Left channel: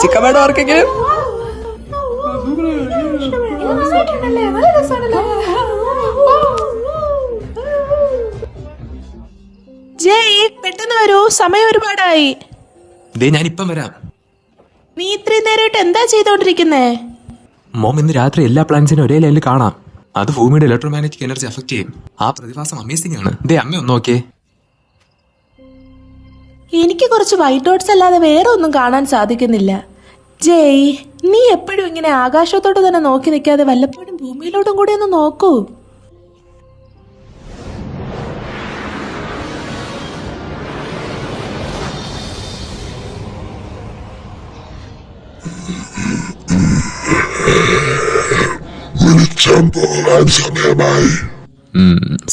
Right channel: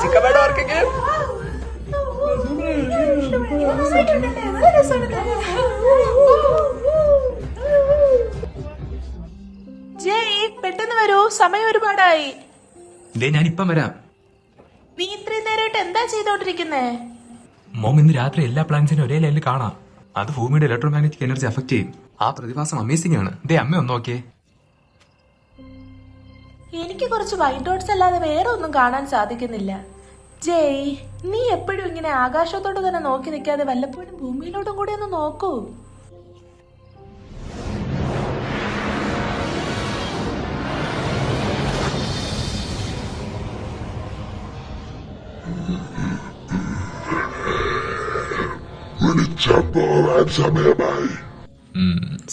Chicken വേണോ ആർക്കെങ്കിലും? ജയ്, പെട്ടെന്ന് വരൂ, സമയം ഒരുപാടായി. ഞാനിപ്പം വരാം. നീ ഇത്രയും നേരമായിട്ട് എന്താ ചെയ്തോണ്ടിരിക്കുന്നേ? മോം, ഇന്ന് രാത്രി എല്ലാ പ്ലാന്റ്സിനും ഒരേ ലൈനിൽ കാണാം. അത് ഭൂമിയുടെ ഇലക്ട്രോമാഗ്നറ്റിക് എനർജി അഫക്ട് ചെയ്യും. ആ പ്രതിഭാസം അമേസിംഗ് ആണ്. അമ്മ ഒന്ന് നോക്കിയേ. എനിക്ക് കുറച്ച് വൈറ്റ് ഡോട്ട്സ് അല്ലാതെ വേറെ ഒന്നും കാണാൻ സാധിക്കുന്നില്ല. ജയ്, നീ എപ്പോഴും ഇങ്ങനെ ആകാശത്തോട്ട് തന്നെ നോക്കി നിൽക്കാതെ വല്ലപ്പോഴും ഭൂമിയിലോട്ടും കൂടി ഒന്ന് നോക്കൂ.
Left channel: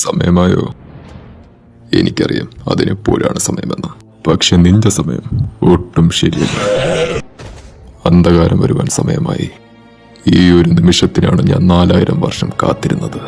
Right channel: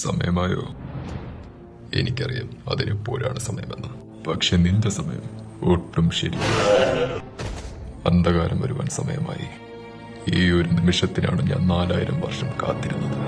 സമയമായോ? എനിക്കറിയാം അതിനെപ്പോഴാണ് സമയമെന്ന്. പക്ഷെ നിന്റെ സമയം ഒട്ടും ശരിയല്ല. അന്ധകാരം വരുവാൻ സമയമായി. ഈ ഒരു നിമിഷത്തിനാണ് ഞാൻ 4000 വർഷം കാത്തിരുന്നത്.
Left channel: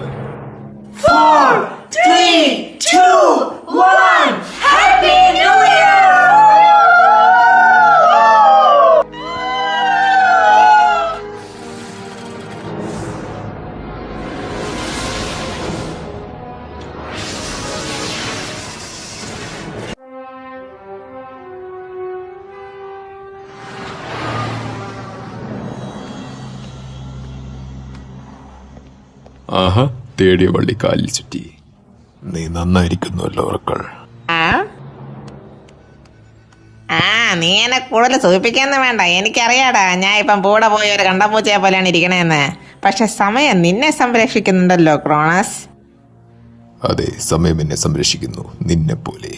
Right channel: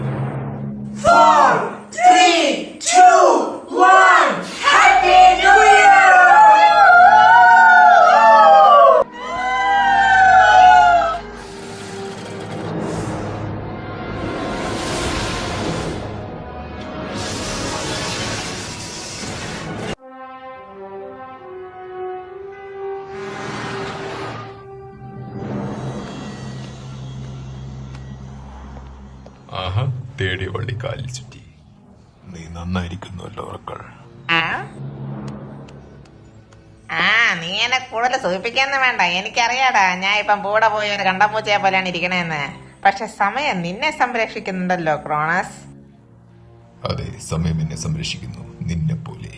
ആഹാ, തേടിയ വള്ളി കാലിൽ ചുറ്റി. നീ നന്നായിരിക്കുന്നുവല്ലോ ഓർക്കൾ. നീ എന്നെ കൂടുതൽ സൂചിപ്പിക്കാന്ന് വേണ്ട. എനിക്കറിയാടാ, ഞാൻ ഇപ്പം കൂടെ പോയി ഒരു കണ്ടപൂച്ചയെ പോലെയാണ് ഇരിക്കണേന്ന്. പക്ഷെ സമയം നിന്നെ സംരക്ഷിക്കുന്നുണ്ടല്ലോ ക്രോണസ്. അതെ, സമയം എന്നെ സംരക്ഷിക്കുന്നു, നിന്നെ പോലെ.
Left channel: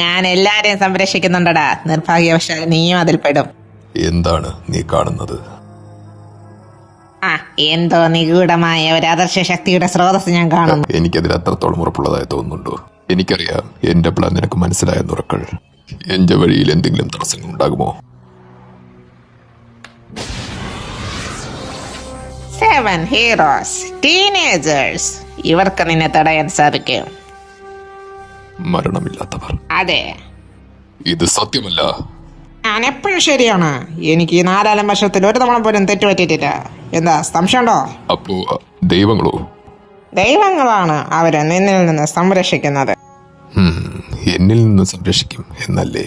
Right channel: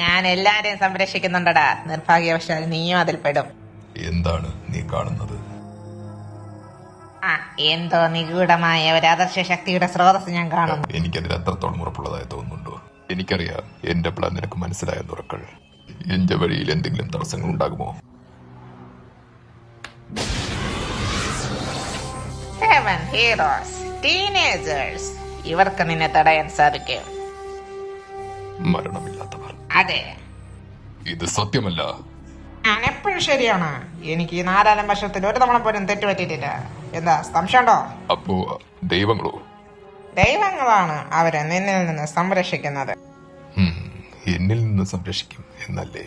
ഞാൻ എല്ലാരെയും സംരക്ഷിക്കുന്നുണ്ടടാ. നിർഭാഗ്യവശാൽ നീയും അതിൽ പെടും. എന്താണ് നീ കാണുന്നത്? എന്തോ നിഗൂഢമായ ഒരു അദർശ ശക്തിയുടെ സ്രോതസ് ഞാൻ കാണുന്നു. എനിക്കതിൽ അത്രത്തോളം ഉറപ്പുള്ളതായി തോന്നുന്നുണ്ടോ? എനിക്കറിയാം എന്റെ പ്ലാൻ നിനക്ക് മനസ്സിലായെന്ന് ഉറക്കൾ. എന്റെ വഴിയിൽ എന്തെങ്കിലും തടസ്സങ്ങൾ ഉണ്ടാകുമോ? 7 ഹീറോസ്, ടീനേജേഴ്സ്. ഇവർക്ക് നിന്നെ തടയാൻ സാധിക്കും. മരണമില്ലാത്തവർ. അതെ, ഇത് സത്യമല്ല. ഞാൻ എപ്പോഴും ശരിയാണ്. എനിക്ക് ഈ 4 വർഷത്തിൽ ഒരു തവണ പോലും തെറ്റുപറ്റിയിട്ടില്ല. എന്താ സംശയമുണ്ടോ? അപ്പോ ദൈവങ്ങളോ? ദൈവങ്ങളാണ് അവരെ നിന്നിൽ നിന്ന് സംരക്ഷിക്കുന്നത്. എന്നിൽ നിന്ന് സംരക്ഷിക്കും എന്നല്ലേ?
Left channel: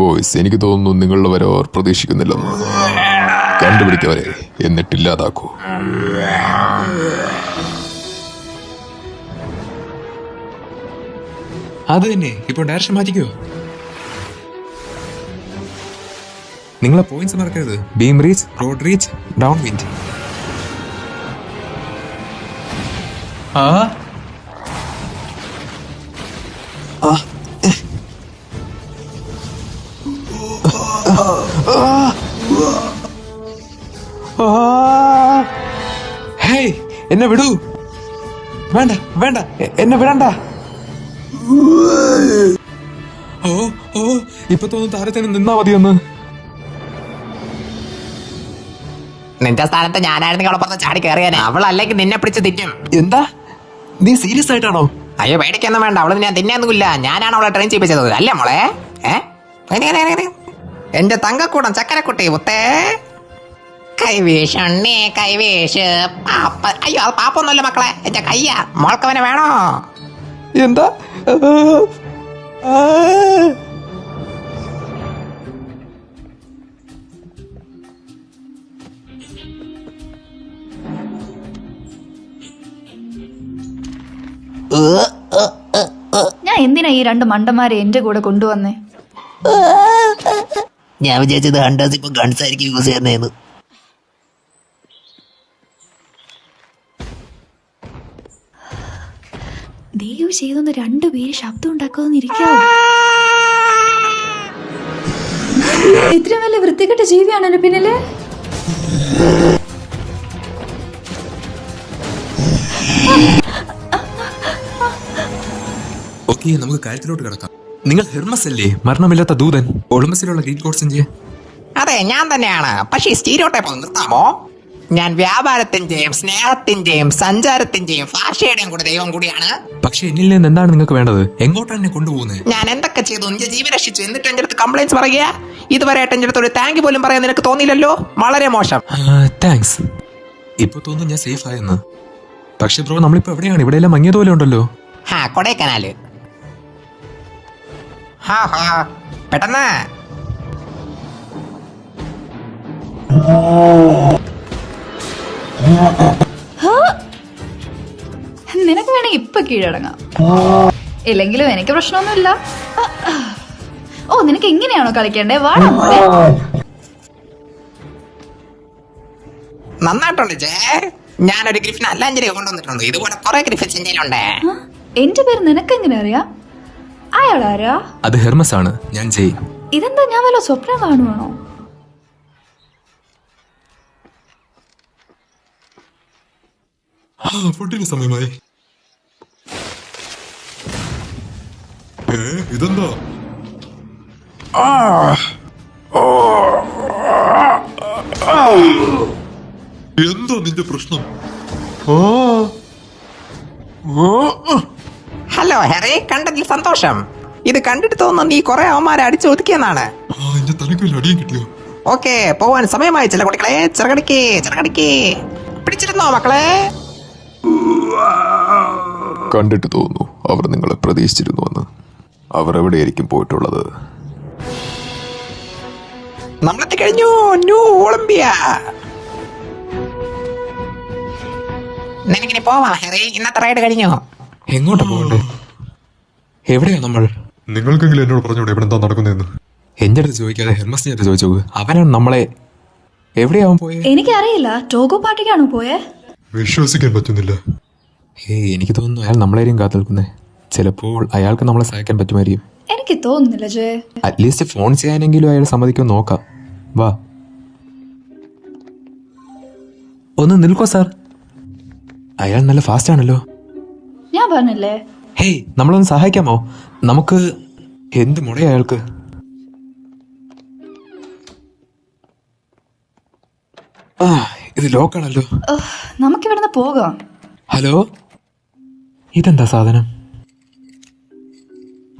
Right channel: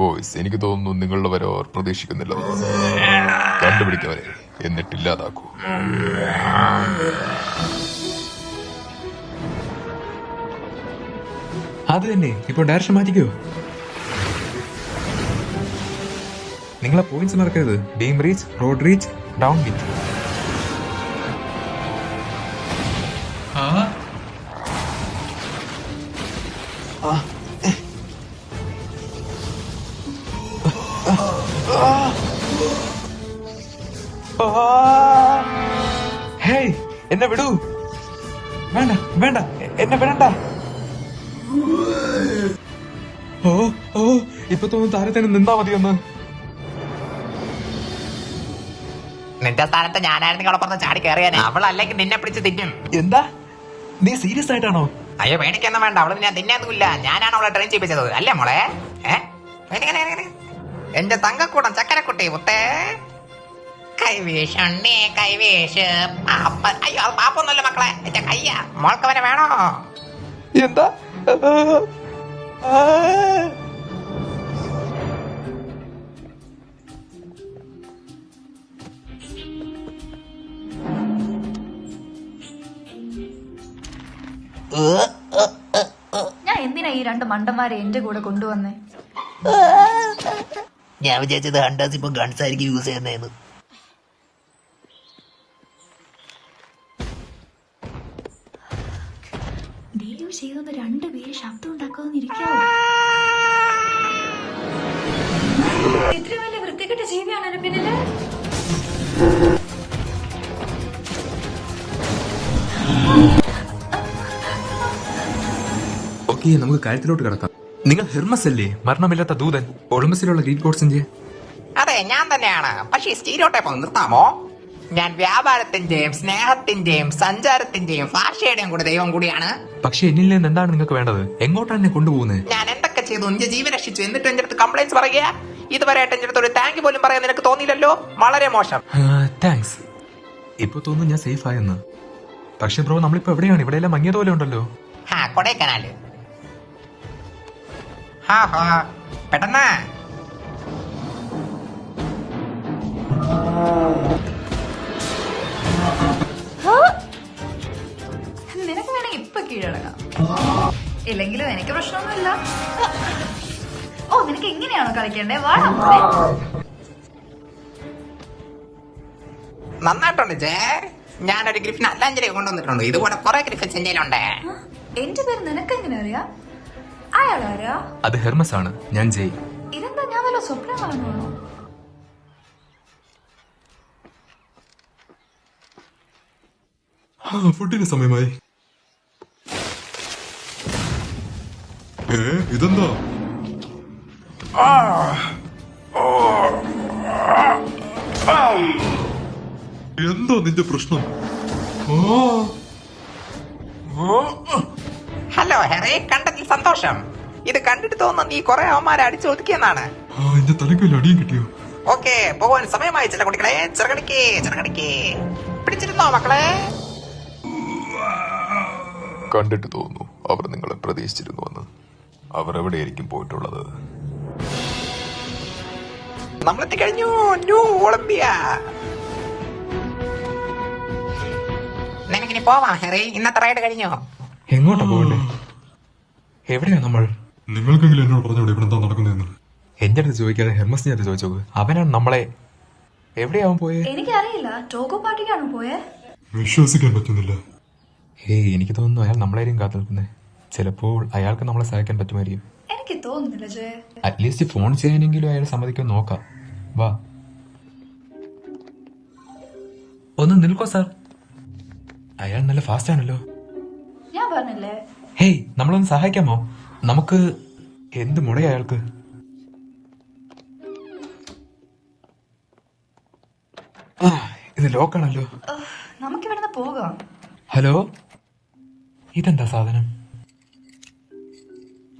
ബോയ്സ്, എനിക്ക് തോന്നുന്നു നിങ്ങളുടെ വരെ അവർ പ്രതീക്ഷിക്കുന്നില്ല. കണ്ടുപിടിക്കവരെ, എന്നിട്ടില്ലാതാക്കൂ. അത് തന്നെ. ഇപ്പോൾ ഡയറക്ഷൻ മാറ്റിക്കോ. നിങ്ങളെ പോയിന്റ്സ് മറക്കരുത്. Beam reach, road reach, down wind. Hey, എന്നെ വിടൂ. വേണ്ട വേണ്ട, എന്നെ വിടണ്ട. ഓ ഓ, ഇപ്പൊ തോന്നുന്നു താരത്തിന് നിന്നാ മതിയൊന്ന്. നിന്റെ സ്ഥാനത്ത് ഞാനായിരുന്നു അവളപ്പുറത്ത് ചാടി കയറിയാനെ. അവൾ അല്ലെങ്കിൽ നിന്നെ പിടിച്ച് തിന്നും. എന്താ, നീ സീരിയസ് ആയിട്ടാണോ? അയ്യോ, പേടിക്കൊന്നും വേണ്ട. അവള് ഞാൻ തിന്നൊന്നുമില്ല. ഞാനാണ് അവളെ ട്രെയിൻ ചെയ്യിപ്പിച്ചത്, അല്ലേ മോളെ? എന്റെ തങ്കക്കൂടം ചക്കരക്കുട്ടി മുത്തേ. കൈവീഷണ്ണേ കൈവീഷ്. അയ്യോ, അത് പാപ്പൊന്നുമല്ല മക്കളെ, എന്റെ കയ്യാ. മോൾക്കവനെ വേണോ? എന്താ? ഞാൻ എന്തിനാ ഈ 2 മണ്ടന്മാരെ എന്റെ കൂടെ കൊണ്ടുവന്നേ? ഞാൻ വിചാരിച്ചത് ഹണ്ടേഴ്സ് ഇപ്പൊ ഗൺസ് ആയിരിക്കും യൂസ് ചെയ്യുന്നതെന്ന്. ദൈവം ചെയ്തൊന്ന് 2 പേര് ശബ്ദം ഉണ്ടാക്കാതിരിക്കാവോ? ഇത്ര വലിയ വൃത്തികെട്ട ജീവിയാണല്ലോ പിന്നില്. ഓക്കെ, നമുക്ക് കാര്യത്തിലോട്ട് കിടക്കാം. നിങ്ങൾ ഹെർമസ് അല്ലേ, മരണമില്ലാത്ത ദൂതൻ? ഒളിമ്പസിലുള്ള ഗ്രീക്ക് ഗോഡ്സിന്റെ? അതെ, ഞാൻ തന്നെയാണ്. പക്ഷേ സ്റ്റീരിയോടൈപ്പ് ഒന്ന് നിർത്താമോ? ഞാൻ വ്യാപാരത്തിന്റെയും സ്നേഹത്തിന്റെയും സഞ്ചാരത്തിന്റെയും ഭാഷയുടെയും കൂടെ ദൈവം കൂടിയാണ്. പക്ഷെ എന്നിൽ നിന്ന് എന്താണ് നിങ്ങൾക്ക് വേണ്ടത്? എങ്ങോട്ടാണ് എന്നെ കൊണ്ടുപോകുന്നത്? ഞാൻ എന്തൊക്കെ ചെയ്തു? എന്റെ ജീവൻ രക്ഷിച്ചു, എന്നിട്ട് എന്റെ അടുത്ത് കംപ്ലൈന്റ്സ് പറയുക? ഇതുവരെ എന്റെ അടുത്ത് ഒരു താങ്ക് പോലും പറയാൻ നിനക്ക് തോന്നിയില്ലല്ലോ. വളരെ മോശം. താങ്ക്സ്. ഇപ്പൊ തോന്നുന്നു ഞാൻ സേഫ് ആയെന്ന്. പക്ഷെ ബ്രോ നമ്മളിപ്പോ എവിടെയാണ്? ഇവിടെയെല്ലാം മങ്ങിയതുപോലെ ഉണ്ടല്ലോ. കൊടൈക്കനാല്. പെട്ടെന്ന് നിനക്ക് വേണമെങ്കിൽ ഇപ്പൊ കീഴടങ്ങാം. ഇല്ലെങ്കിലും എനിക്ക് പ്രശ്നമൊന്നുമില്ല. ഓ, നിനക്ക് എങ്ങനെയാണോ കളിക്കണ്ടേ? വാടാ. നന്നായിട്ടുണ്ട് ജേ. ഞാനൊരു ഗ്രിഫിൻ അല്ലാഞ്ചലിയെ കൊണ്ടുവന്നിട്ടുണ്ട്. ഇതുപോലെ കുറെ ഗ്രിഫിൻസ് എന്റെ കയ്യിലുണ്ട്. എന്റെ പേര് നിനക്ക് എങ്ങനെ അറിയാം? അയാളാരാ? അത് ഹെർമസ് ആണ്. ഞാൻ ജയ്. ഇതെന്താ, ഞാൻ വല്ല സ്വപ്നം കാണുവാണോ? ഫുഡിന് സമയമായി. ഇതെന്താ? എന്താ നിന്റെ പ്രശ്നം? ഹലോ ഹെറി, കണ്ടതിൽ സന്തോഷം. ഇത് കണ്ടിട്ട് തോന്നുന്നു നീ കുറെ അവന്മാരെ അടിച്ചൊതുക്കിയെന്നാണ്. എന്റെ തലക്ക് വല്ല അടിയും കിട്ടിയോ? ഓക്കെ, പോവാൻ സമയമായി ചില കുട്ടികളെ. ചെറുകടിക്ക് ചെറുകടിക്ക് പിടിച്ചിരുന്നോ മക്കളെ? കണ്ടിട്ട് തോന്നുന്നു അവർ നിങ്ങളെ പ്രതീക്ഷിച്ചിരുന്നുവെന്ന്. അവർ എവിടെയായിരിക്കും പോയിട്ടുള്ളത്? നമ്മളെത്തി കഴിഞ്ഞു. New Olympia. നിനക്കിനി പോവാം ഹെറി. ഇന്നത്തെ റൈഡ് കഴിഞ്ഞു. എങ്ങോട്ടാ പോകണ്ടേ? എവിടെയാ നമ്മൾ? നിങ്ങൾക്കെങ്കിലും എന്നോട് പറഞ്ഞോടെ ഇവിടെ എന്താ നടക്കുന്നതെന്ന്. എന്റെ അടുത്ത് ചോദിക്കാതെ ഹെർമസിന്റെ അടുത്ത് ചോദിച്ചു. അവനാണ് നമ്മളെ. എവിടെയാവൻ പോയേ? എനിക്കറിയില്ല. ടോഗോ പാർട്ടിക്കാണോ പോയേ? വിശ്വസിക്കാൻ പറ്റുന്നില്ല. എനിക്ക് തോന്നുന്നു അയാൾ നമ്മളെയും കാത്തു നിൽക്കുന്നേ. ചിലപ്പോൾ അയാൾക്ക് നമ്മളെ സഹായിക്കാൻ പറ്റുമായിരിക്കും. എനിക്ക് തോന്നുന്നില്ല ജെ. അറ്റ്ലീസ്റ്റ് ഫോൺ ചെയ്യാനെങ്കിലും അയാൾ സമ്മതിക്കുമെന്ന് നോക്കാം. വാ, ഒന്ന് നിൽക്കോ സാർ. അയാൾ നല്ല ഫാസ്റ്റ് ആണല്ലോ. ഞാൻ പറഞ്ഞില്ലേ. ഹേയ്, നമ്മളൊന്ന് സഹായിക്കാമോ? നമുക്ക് എന്ത് മുടയാ അയാൾക്ക്? ഇത് ലോക്കാണല്ലോ. നമുക്കിവിടുന്ന് പോകാം. ഹലോ, ഇതെന്താ സാധനം?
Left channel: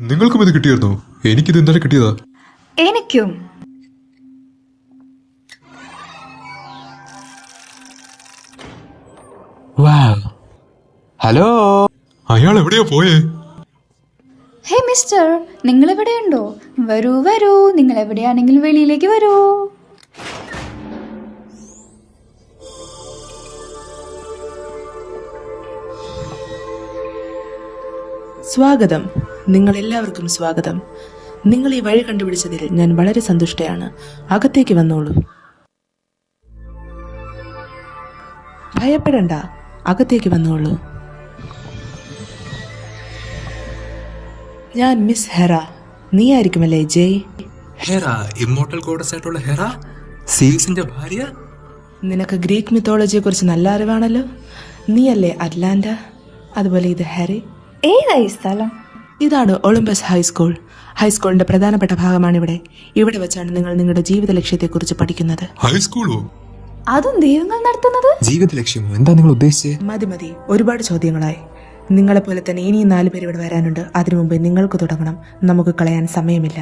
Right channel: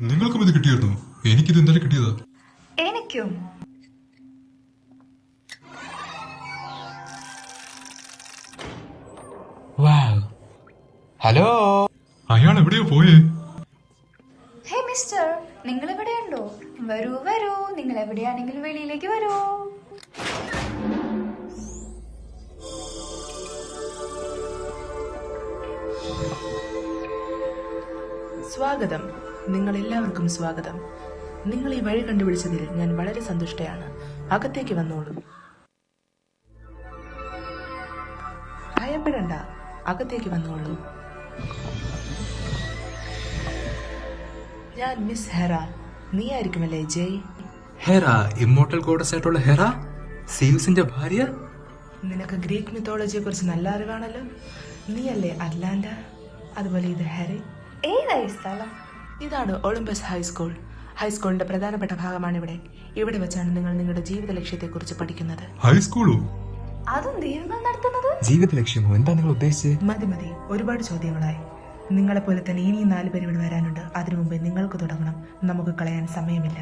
നിങ്ങൾക്കും ഇത് കിട്ടിയായിരുന്നോ? എനിക്കിത് ഇന്നലെ കിട്ടിയതാ. എനിക്കും. ഹലോ, അയാൾ എവിടെയാ പോയേ? ഹേ മിസ്റ്റർ, നിങ്ങൾ എവിടെയുണ്ടോ? വരൂ വരൂ, നിങ്ങൾ എവിടെയാണെങ്കിലും വെളിയിലേക്ക് വരൂ. സ്വാഗതം. നിങ്ങളെല്ലാവർക്കും സ്വാഗതം. നിങ്ങൾ ഈ വഴി കണ്ടുപിടിച്ചതിൽ ഞാൻ വളരെ സന്തുഷ്ടയാണ്. അകത്തേക്ക് വന്നോളൂ. ഭയപ്പെടണ്ട, അകത്തേക്ക് വന്നോളൂ. ഞാൻ മിസ് ഹെറ. നീ ആയിരിക്കുമല്ലേ ജയ്? ഹെറ, ഇമ്മോർട്ടൽ ഗോഡസ് ആയിട്ടുള്ള ഹെറ, സീയൂസിന്റെ ഭാര്യ. നിനക്ക് ഗ്രീക്ക് മിത്തോളജിയെ കുറിച്ച് നല്ല അറിവാണല്ലോ. നീയല്ലേ അറ്റ്ലാന്റ? അതുപോലെ ഇത് ഹാരി. ഏതായി സ്ഥലം? ഇതാണ് ഒളിമ്പസ് ഹൈസ്കൂൾ. ഹൈസ്കൂളിന്റെ പ്രധാനപ്പെട്ട ഭാഗമാണിവിടെ. ഇവിടെ വെച്ചാണ് നിങ്ങൾ നിങ്ങളുടെ ജീവിത ലക്ഷ്യത്തെക്കുറിച്ച് പഠിക്കുന്നത്. ഹൈസ്കൂളോ? അതും ദൈവങ്ങൾ നടത്തുന്നത്? ജീവിത ലക്ഷ്യമോ? എന്താ നിങ്ങൾ ഉദ്ദേശിച്ചത്? മതി, ഒരുപാട് ചോദ്യങ്ങളായി. നിങ്ങളെപ്പോലെ തന്നെ ഇനിയും 4 പേര് ഇവിടെ വരാനുണ്ട്. അതിനു മുമ്പ് നിങ്ങൾക്ക് തുടങ്ങണം. നമുക്ക് കളയാൻ സമയമില്ല.